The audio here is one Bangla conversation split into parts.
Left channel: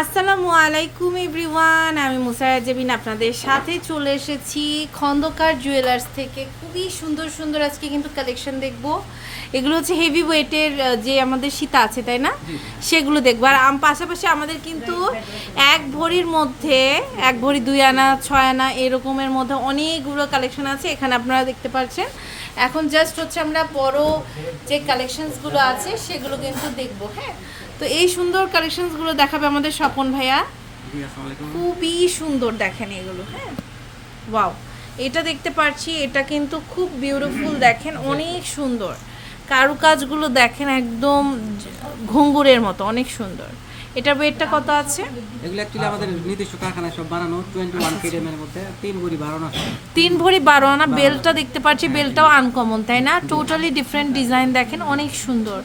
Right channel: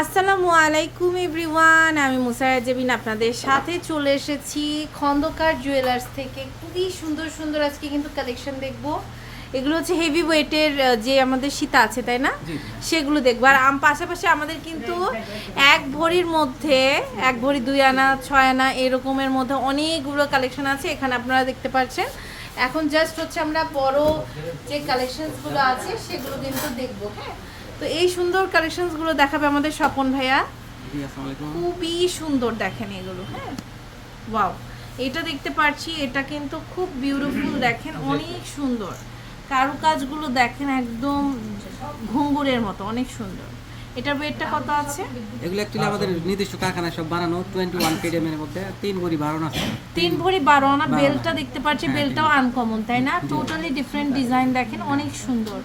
আসসালামু আলাইকুম এভরিওয়ান আমি মুসারা জেবিন আপনাদের সাথে চলে এসেছি খন্দকার জুয়েলার্স থেকে। খুবই সুন্দর সুন্দর আজকে কিন্তু কালেকশন দেখব। এগুলো হচ্ছে হেভি ওয়েটের যে আমাদের সীতা আছে তাই না? সেগুলো দেখব। আর আম পাশাপাশি আমাদের কিন্তু এক ভরির মধ্যে এক ভরি দুই আনা ছয় আনা এরকমের মধ্যে অনেকগুলো কালেকশন আছে। এখানে আপনারা দেখতে পাচ্ছেন এখন জাস্ট হচ্ছে আমরা বড় যে কালেকশনসগুলো আছে সেগুলো কিন্তু দেখব হ্যাঁ? তো এই সুন্দর কালেকশনসগুলো দেখাবে আমাদের স্বপন ভাইয়া। খুবই সুন্দর দেখেন এগুলো হ্যাঁ? ওয়াও এটা দেখতে পাচ্ছি এটা কিন্তু খুব বিউটিফুল দেখেন অনেক সুন্দর। কারুকাজগুলো দেখেন একদম ঘুঙ্গুরের মতো অনেক সুন্দর। এটা ওয়েটটা কত আছে? এগুলো অ্যাকচুয়ালি আমাদের নির্দিষ্ট কারখানা সব বানানো টোয়েন্টি ওয়ান কেডিএমের মধ্যে তিন ভরি বারো আনা তিন ভরি বারো আনা বেলটা দেখতে পাচ্ছি বেলটাও আনকমন তাই না? টোটালি ডিফারেন্ট ডিজাইন দেখেন অনেক সুন্দর।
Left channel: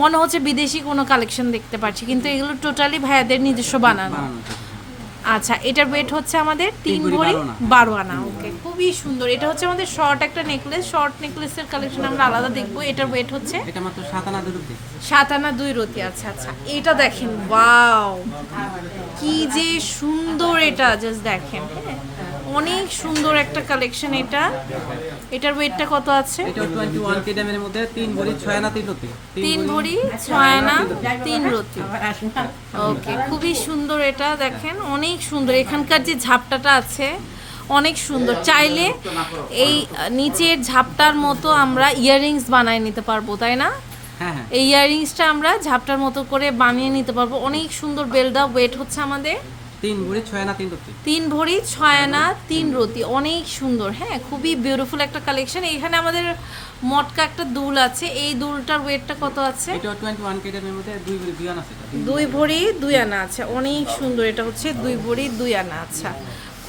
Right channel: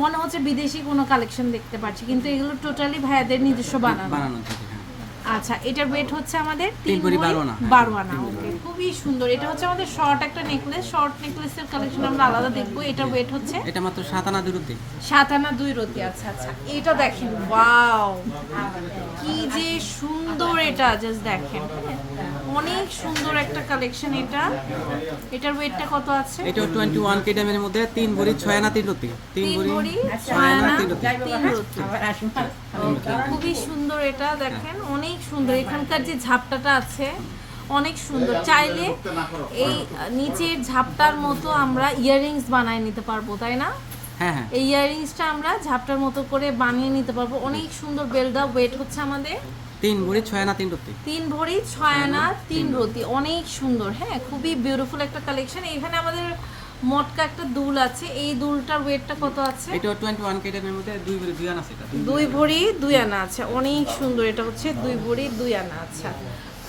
মনে হচ্ছে বিদেশি কোনো কালেকশন দেখতে পাচ্ছি কিন্তু এগুলো টোটালি ভাইয়াদের নিজস্ব বানানো। আচ্ছা এটার ওয়েট হচ্ছে আমাদের তিন ভরি বারো আনা। ওকে খুবই সুন্দর। এটা হচ্ছে আমাদের শর্ট একটা নেকলেস শর্ট নেকলেসের কালেকশন আমরা আলাদা দেখব। এটার ওয়েট হচ্ছে এটা মাত্র সাত আনা দূরত্বে সাত আনা দুই রতি আচ্ছা আচ্ছা। এটা দেখেন ওয়াও কি যে সুন্দর এটা জাস্ট দেখেন হ্যাঁ? অনেক সুন্দর একটা কালেকশন এটা। এটার ওয়েটটা কত আছে? এটা টোয়েন্টি ওয়ান কেডিএমের মধ্যে তিন ভরি ছয় আনা তিন রতি। তিন ভরি ছয় আনা তিন রতি। ওকে খুবই সুন্দর এটা দেখেন অনেক সুন্দর। এখানকার যে ঝাপটাটা আছে অনেক সুন্দর। চাইলে এই নিচের ঝাপটার মতো আমরা ইয়াররিংস বানায় নিতে পারব তাই না? হ্যাঁ হ্যাঁ। এই ইয়াররিংসটা আমরা ঝাপটার মতো করে বানিয়ে নিতে পারব। অনেক সুন্দর বেলদা ওয়েট হচ্ছে আমাদের। তিন ভরি ছয় আনা তিন রতি তিন ভরি ছয় আনা তিন রতি অনেক সুন্দর হ্যাঁ খুবই বিউটিফুল একটা কালেকশন এখানে আমাদের মটকা একটা দুল আছে। এই দুলটার ওয়েটটা কত আছে? এটা টোয়েন্টি ওয়ান কেডিএমের মধ্যে দুই ভরি দুই আনা সেটা দুই ভরি দুই আনা আছে। অনেক সুন্দর এটা হচ্ছে দুই ভরি দুই আনা আচ্ছা।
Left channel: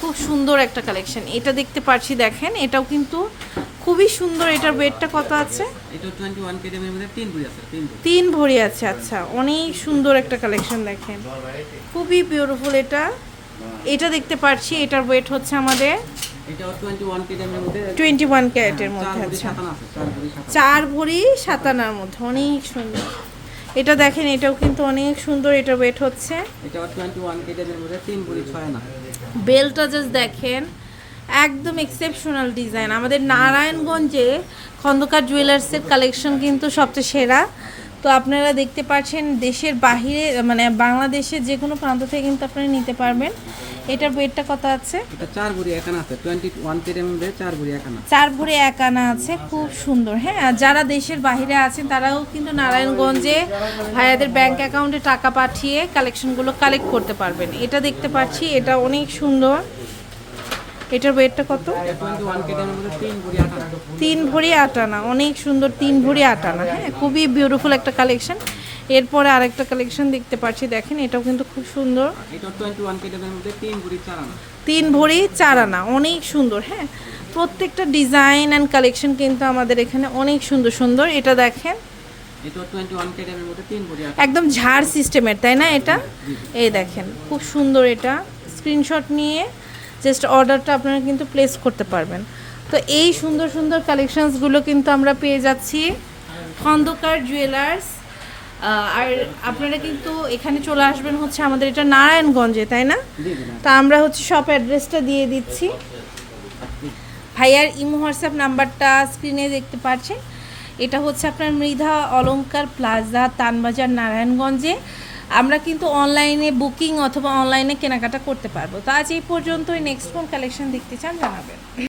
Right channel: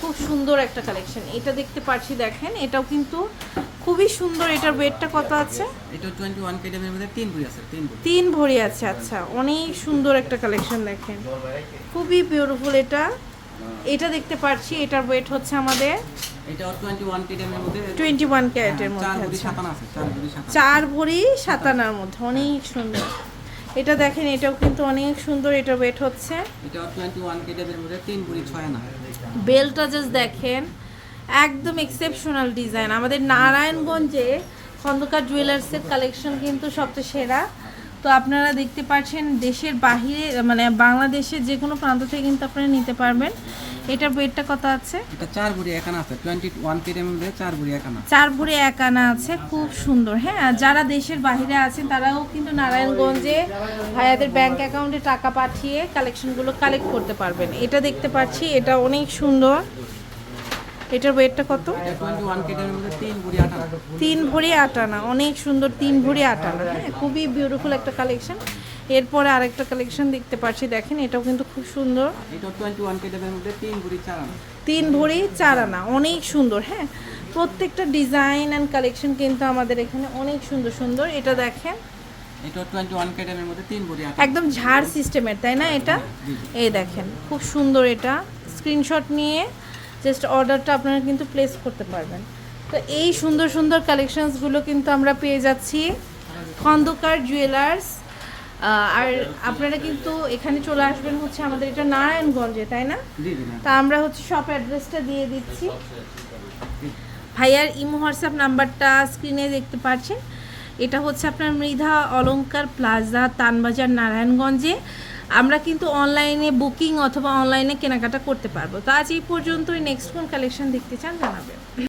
খুব সুন্দর একটা কালেকশন এটা দেখতে পাচ্ছি দেখেন এটাও কিন্তু খুবই সুন্দর এটার ওয়েটটা কত আছে? এটা টোয়েন্টি ওয়ান কেডিএমের মধ্যে তিন ভরি আছে তিন ভরি। তিন ভরি আছে আচ্ছা। অনেক সুন্দর একটা কালেকশন দেখেন। খুবই বিউটিফুল এটা। এটা দেখতে পাচ্ছি এটার ওয়েট হচ্ছে আমাদের এটা টোয়েন্টি ওয়ান কেডিএমের মধ্যে টোয়েন্টি ওয়ান ক্যারেটের চার মধ্যে আছে। চার ভরি সাত চার সাতানার মধ্যে অনেক সুন্দর। এটা দেখেন এটাও কিন্তু অনেক সুন্দর এটা ওয়েট হচ্ছে। এটা টোয়েন্টি ওয়ান কেডিএমের মধ্যে তিন ভরি ছয় আনা। বেলটা জাস্ট দেখেন একদম এক্সেপশনাল ডিজাইন আমাদের নারায়ণগঞ্জে খন্দকার জুয়েলার্সের কালেকশন কিন্তু সবচেয়ে সেরা। তো আপনারা দেখতে পাচ্ছেন দেশের বাহিরে মানে বাংলাদেশের যে কোনো প্রান্ত থেকে কিন্তু আপনারা নিতে পারবেন। এটার ওয়েটটা কত আছে? চার ভরি এক আনা আছে। টোয়েন্টি ওয়ান চার ভরি এক চার ভরে এক আনা আছে খুব সুন্দর। হ্যাঁ আর যারা দেশের বাইরে আছেন তারাও কিন্তু নারায়ণগঞ্জে ভাইয়াদের ব্যাংক অ্যাকাউন্টে টাকা পাঠিয়ে কালেকশনগুলো কালেক্ট করতে পারবেন। এটা দেখতে পাচ্ছি এটা অনেক সুন্দর। এটার ওয়েটটা কত? তিন ভরি আট আনা তিন ভরি আট আনা অনেক সুন্দর তিন ভরি আটানা হ্যাঁ? খুবই বিউটিফুল একটা কালেকশন এরপরে আরেকটা কালেকশন দেখতে পাচ্ছি, দেখেন, এটাও কিন্তু খুব সুন্দর। তিন ভরি চার আনা তিন ভরি চার আনা অনেক সুন্দর হ্যাঁ? প্রত্যেকটা ডিজাইন অ্যান্ড কালেকশন কিন্তু আমাদের এখানে অনেক সুন্দর সুন্দর। এটা দেখেন। একদম ঝাড় সিস্টেমের তাই না এটা? এই দেখেন, খুব সুন্দর এটা। স্ক্রিনশট নিয়ে জাস্ট অর্ডারটা আপনারা কিন্তু প্লেস করতে পারবেন। তো এই সুন্দর সুন্দর কালেকশনসগুলো কিন্তু আমরা পেয়ে যাচ্ছি। খন্দকার জুয়েলার্স আর আপনারা কিন্তু এখানে চলে আসবেন হচ্ছে আমাদের এটা নারায়ণগঞ্জে তাই না? তা আমরা হচ্ছে সব অ্যাড্রেসটা দিয়ে দিচ্ছি। ভাইয়ার ইমো হোয়াটসঅ্যাপ নাম্বারটা স্ক্রিনে দেখতে পাচ্ছেন। এটা হচ্ছে আপনার মৃধা অলঙ্কার প্লাজা তানবাজার নারায়ণগঞ্জে। আমরা কিন্তু অনলাইনে বুকিং অথবা অনলাইনে কেনাকাটা করতে পারব। তো আজ এই পর্যন্তই। নেক্সট কোন কালেকশন দেখতে চান জানাবেন।